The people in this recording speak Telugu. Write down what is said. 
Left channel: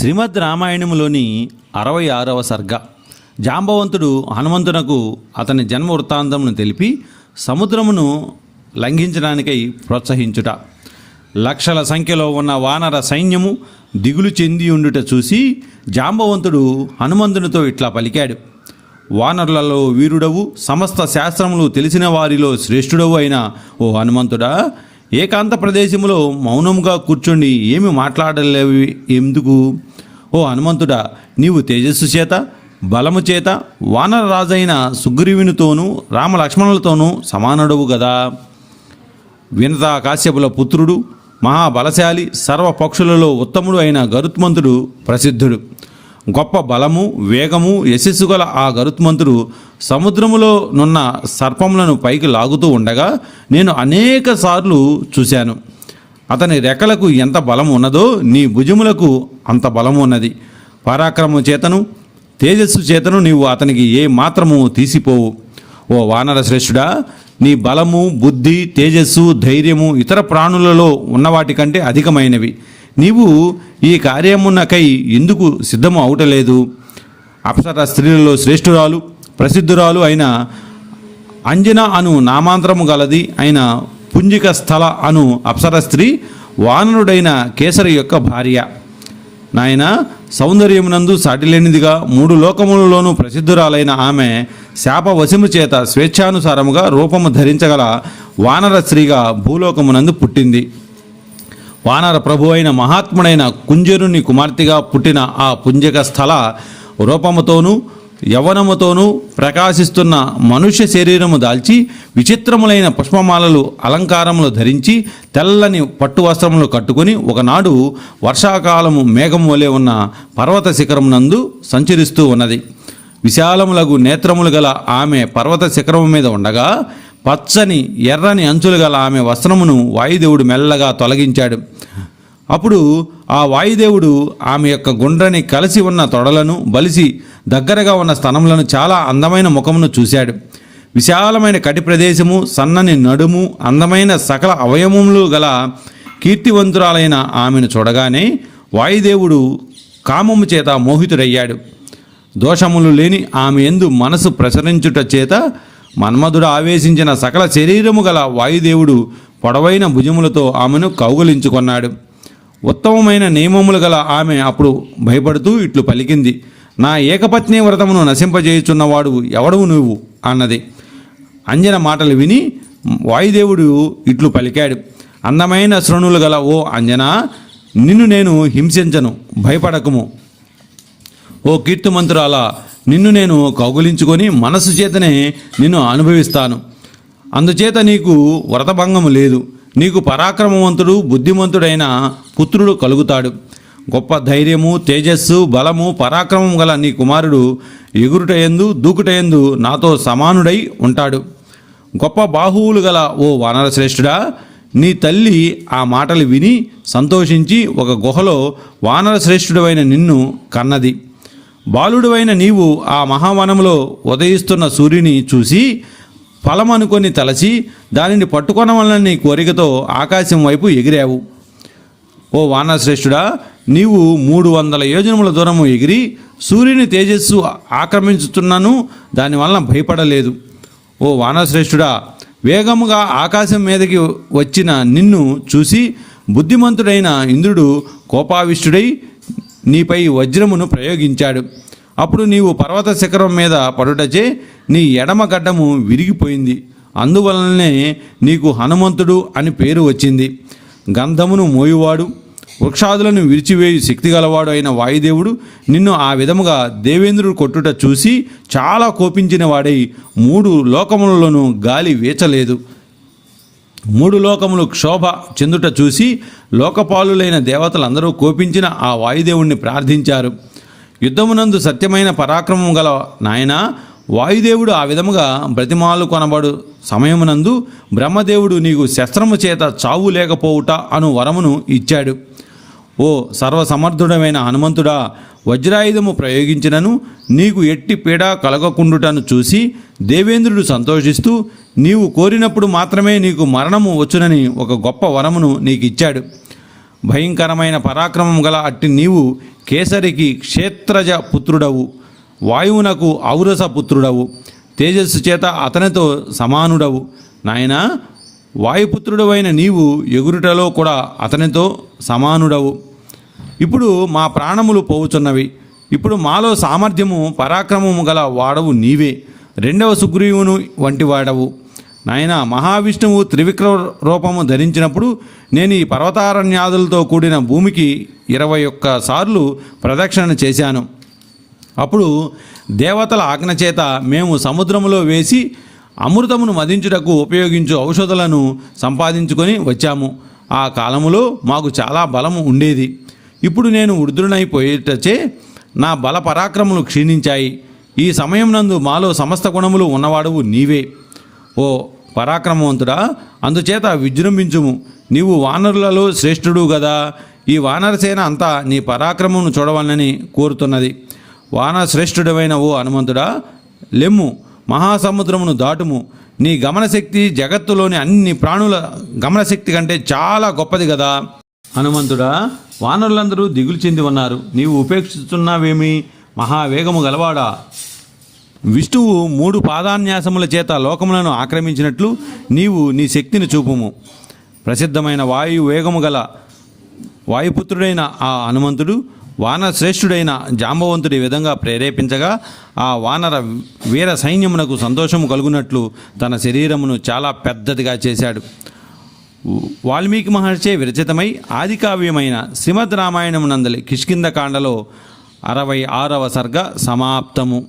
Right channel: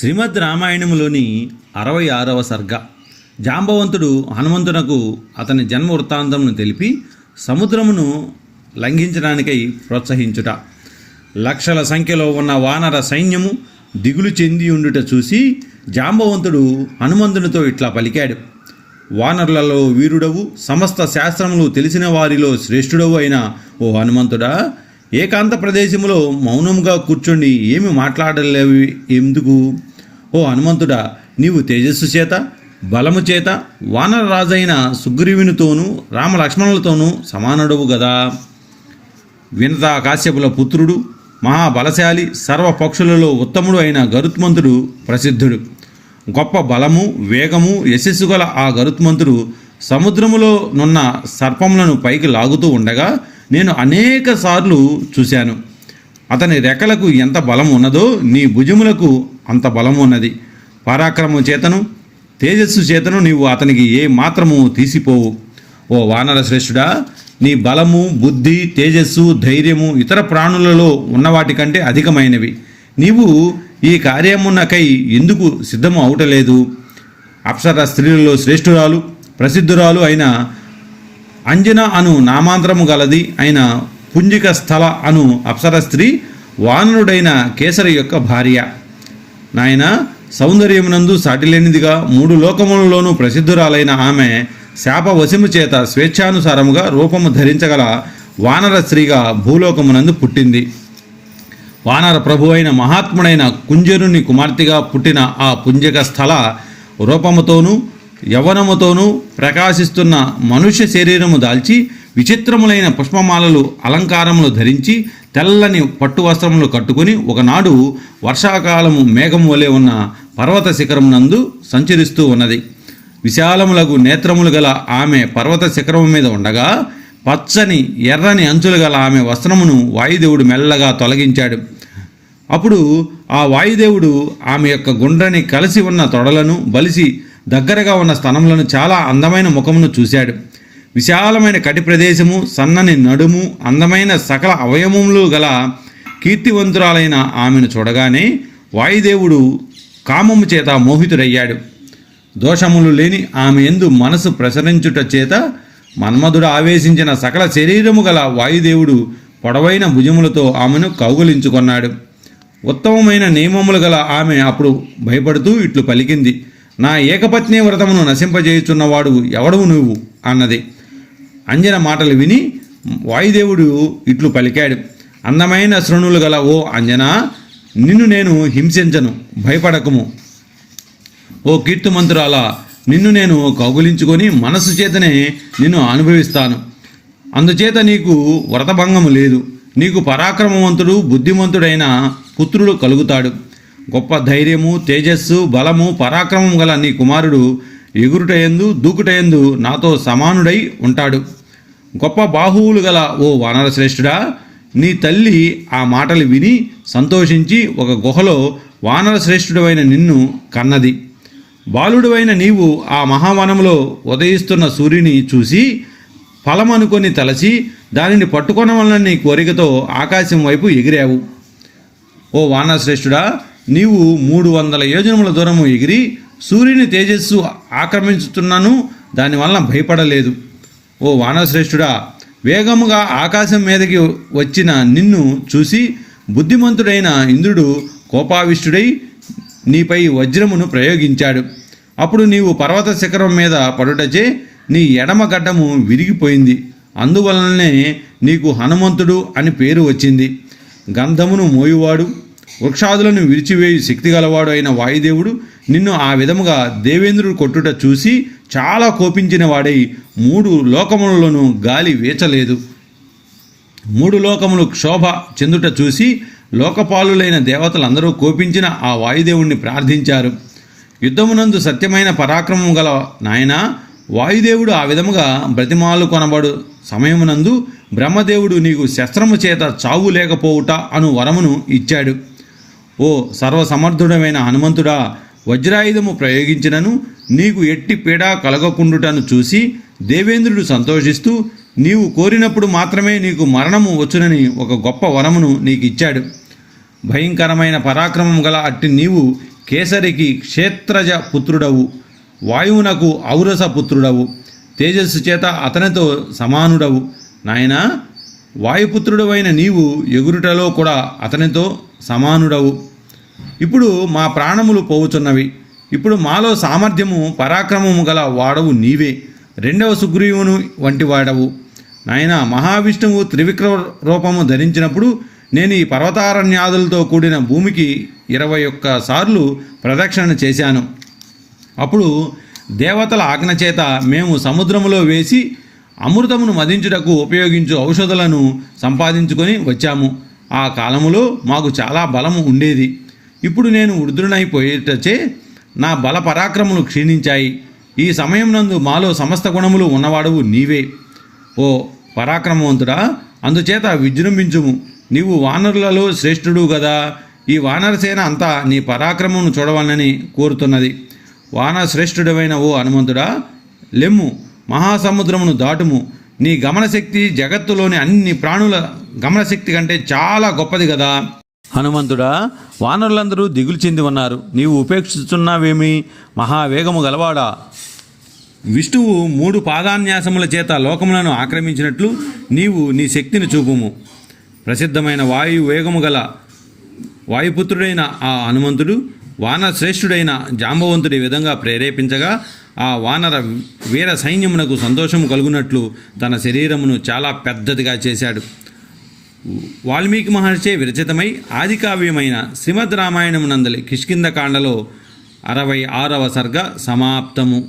శ్రీమద్ రామాయణంలోని 66వ సర్గ. జాంబవంతుడు హనుమంతునకు అతని జన్మ వృత్తాంతమును తెలిపి సముద్రమును లంఘించడానికై ప్రోత్సహించుట. లక్షల సంఖ్యలో ఉన్న వానర సైన్యము దిగులు చెంది ఉండుట చూసి జాంబవంతుడు హనుమంతునితో ఇట్లా పలికాడు: వానరులలో వీరుడవు, సమస్త శాస్త్రములు తెలిసిన వారిలో శ్రేష్ఠుడవు అయిన ఓ హనుమంతుడా, ఏకాంత ప్రదేశములో మౌనముగా కూర్చుండి ఏమి మాట్లాడలేవి ఎందుకు? ఓ హనుమంతుడా, నీవు తేజస్సు చేత బలము చేత వానర రాజైన సుగ్రీవునితోనూ రామలక్ష్మణులతోనూ సమానుడవు గదా. వినతా కాశ్యపుల పుత్రుడు, మహాబలశాలి, సర్వ పక్షులలో ఉత్తముడు అయిన గరుత్మంతుడు ప్రసిద్ధుడు. గొప్ప బలము, వేగము, యశస్సు గల ఆ గరుత్మంతుడు సముద్రములో నున్న సర్పములను పైకి లాగుతూ ఉండగా నేను అనేక సార్లు చూశాను. అతని రెక్కలకు ఎంత బలం ఉన్నదో నీ భుజములకు అంత బలము ఉన్నది. పరాక్రమము చేతను తేజస్సు చేతను నీవు అతనికి ఏ మాత్రము తీసిపోవు. ఓ వానర శ్రేష్ఠుడా, నీ బలము, బుద్ధి, తేజస్సు, ధైర్యము ఇతర ప్రాణులలో ఉన్నవాటికంటే అధికమైనవి. నీవు ఈ కార్యమునకై ఎందుకు సిద్ధము అవటలేదు? అప్సర స్త్రీలలో శ్రేష్ఠురాలు, ప్రసిద్ధురాలు అయిన అంజన అను నామాంతరము గలది అయిన పుంజిక స్థల అను అప్సర స్త్రీ వానరుడైన కేసరి యొక్క భార్య. నాయన, సౌందర్యమునందు సాటిలేనిదిగా 3 లోకములలోనూ ప్రసిద్ధురాలైన ఆమె శాపవశము చేత స్వేచ్ఛానుసారముగా రూపము ధరించగల వానర స్త్రీగా భూలోకమునందు పుట్టింది. వానర ప్రభు అయిన మహాత్ముడైన కుంజరుని కుమార్తెగా పుట్టిన ఆ పుంజిక స్థల రూపముతోనూ యవ్వనముతోనూ ప్రకాశిస్తున్న మనుష్య శరీరము దాల్చి విచిత్రములైన పుష్పమాలలు అలంకారములు ధరించి తెల్లని పట్టు వస్త్రములు కట్టుకుని ఒకనాడు వర్షాకాలము మేఘము వలె ఉన్న పర్వత శిఖరమునందు సంచరిస్తూ ఉన్నది. విశాలములకు నేత్రములు గల ఆమె పర్వత శిఖరము మీద ఉండగా పచ్చని ఎర్రని అంచులు గల ఆమె వస్త్రమును వాయుదేవుడు మెల్లగా తొలగించాడు. అప్పుడు ఆ వాయుదేవుడు ఆమె యొక్క గుండ్రని కలిసి ఉన్న తొడలను, బలిసి దగ్గరగా ఉన్న స్తనములను, చాలా అందమైన ముఖమును చూశాడు. విశాలమైన కటి ప్రదేశము, సన్నని నడుము, అందమైన సకల అవయవములు గల కీర్తివంతురాలైన ఆమెను చూడగానే వాయుదేవుడు కామము చేత మోహితుడయ్యాడు. దోషములు లేని ఆమె యందు మనసు ప్రసరించుట చేత మన్మధుడు ఆవేశించిన సకల శరీరము గల వాయుదేవుడు పొడవైన భుజములతో ఆమెను కౌగులించుకొన్నాడు. ఉత్తమమైన నియమములు గల ఆమె అప్పుడు భయపడుతూ ఇట్లు పలికింది: నా ఏకపత్ని వ్రతమును నశింపజేయుచున్నవాడు ఎవడవు నువ్వు అన్నది. అంజన మాటలు విని వాయుదేవుడు ఇట్లు పలికాడు: అందమైన శృణులు గల ఓ అంజన, నిన్ను నేను హింసించను, భయపడకము. ఓ కీర్తిమంతురాల, నిన్ను నేను కౌగులించుకొని మనస్సు చేతనే నిన్ను అనుభవిస్తాను. అందుచేత నీకు వ్రతభంగము లేదు. నీకు పరాక్రమవంతుడు, బుద్ధిమంతుడైన పుత్రుడు కలుగుతాడు. గొప్ప ధైర్యము, తేజస్సు, బలము, పరాక్రమం గల నీ కుమారుడు ఎగురుటయందు దూకుటయందు నాతో సమానుడై ఉంటాడు. గొప్ప బాహువులు గల ఓ వానర శ్రేష్ఠుడా, నీ తల్లి ఆ మాటలు విని సంతోషించి ఒక గుహలో వానర శ్రేష్ఠుడైన నిన్ను కన్నది. బాలుడువైన నీవు ఆ మహావనములో ఉదయిస్తున్న సూర్యుని చూసి ఫలమనుకొని తలచి దానిని పట్టుకొనవలనని కోరికతో ఆకాశం వైపు ఎగిరావు. ఓ వానర శ్రేష్ఠుడా, నీవు 300 యోజనముల దూరము ఎగిరి సూర్యుని తేజస్సు ఆక్రమించుతున్నను దానివలన భయపడలేదు. ఓ వానరశ్రేష్ఠుడా, వేగముగా ఆకాశం మీదకి వచ్చిన నిన్ను చూసి బుద్ధిమంతుడైన ఇంద్రుడు కోపావిష్టుడై నీపై వజ్రమును ప్రయోగించాడు. అప్పుడు నీవు పర్వత శిఖరం మీద పడుటచే నీ ఎడమ గడ్డము విరిగిపోయింది. అందువలననే నీకు హనుమంతుడు అని పేరు వచ్చింది. గంధమును మోయువాడు, వృక్షాదులను విరిచివేయు శక్తి గలవాడు అయిన వాయుదేవుడు నిన్ను ఆ విధముగా దేవేంద్రుడు కొట్టుట చూసి చాలా కోపించిన వాడై 3 లోకములలోనూ గాలి వీచలేదు. 3 లోకములు క్షోభ చెందుట చూసి లోకపాలులైన దేవతలందరూ కోపించిన ఆ వాయుదేవుణ్ణి ప్రార్థించారు. యుద్ధమునందు సత్యమైన పరాక్రమం గల నాయన, వాయుదేవుడు ఆ విధముగా బ్రతిమాలు కొనబడు సమయమునందు బ్రహ్మదేవుడు నీకు శస్త్రము చేత చావు లేకపోవుట అను వరమును ఇచ్చాడు. ఓ సర్వసమర్థుడమైన హనుమంతుడా, వజ్రాయుధము ప్రయోగించినను నీకు ఎట్టి పీడ కలగకుండుటను చూసి దేవేంద్రుడు సంతోషిస్తూ నీవు కోరినప్పుడు మాత్రమే నీకు మరణము వచ్చునని ఒక గొప్ప వరమును నీకు ఇచ్చాడు. భయంకరమైన పరాక్రమం గల అట్టి నీవు కేసరికి క్షేత్రజ పుత్రుడవు, వాయువునకు ఔరస పుత్రుడవు, తేజస్సు చేత అతనితో సమానుడవు. నాయనా, వాయుపుత్రుడవైన నీవు ఎగురుటలో కూడా అతనితో సమానుడవు. ఇప్పుడు మా ప్రాణములు పోవుచున్నవి. ఇప్పుడు మాలో సామర్థ్యము పరాక్రమము గల వాడవు నీవే, రెండవ సుగ్రీవును వంటి వాడవు. నాయన, మహావిష్ణువు త్రివిక్రమ రూపము ధరించినప్పుడు నేను ఈ పర్వతారణ్యాదులతో కూడిన భూమికి 21 సార్లు ప్రదక్షిణ చేశాను. అప్పుడు దేవతల ఆజ్ఞ చేత మేము సముద్రములో వేసి అమృతమును మదించుటకు ఉపయోగించు ఔషధులను సంపాదించుకొని వచ్చాము. ఆ కాలములో మాకు చాలా బలము ఉండేది. ఇప్పుడు నేను వృద్ధుడైపోయేటచే నా బల పరాక్రములు క్షీణించాయి. ఈ సమయం నందు మాలో సమస్త గుణములు ఉన్నవాడువు నీవే. ఓ పరాక్రమవంతుడా, అందుచేత విజృంభించుము. నీవు వానరులలో శ్రేష్ఠుడు గదా. ఈ వానరసేన అంతా నీ పరాక్రమమును చూడవాలని కోరుతున్నది. వానర శ్రేష్ఠుడమైన ఓ హనుమంతుడా, లెమ్ము, మహాసముద్రమును దాటుము. నీ గమనశక్తి జగత్తులోని అన్ని ప్రాణుల గమనశక్తి కంటే చాలా గొప్పది కదా. హనుమంతుడా, వానరులందరూ దిగులు చెంది ఉన్నారు. నీవు ఉపేక్షిస్తున్నావేమి? మహావేగము గలవాడా, విష్ణువు 3 పాదాన్యాసముల చేత లోకములను ఆక్రమించినట్లు నీవు నీ శక్తిని చూపుము. ప్రసిద్ధమైన వేగము గల వాయుపుత్రుడైన ఆ హనుమంతుడు వానర శ్రేష్ఠుడైన జాంబవంతుడి విధంగా ప్రేరేపించగా ఆ వానర వీర సైన్యమునకు సంతోషము కలుగునట్లు తన శరీరమును చాలా పెద్దదిగా చేశాడు. వాల్మీకి మహర్షి విరచితమై ఆదికావ్యమైన శ్రీమద్ రామాయణమునందలి కిష్కింధకాండలో 66వ సర్గ సమాప్తము.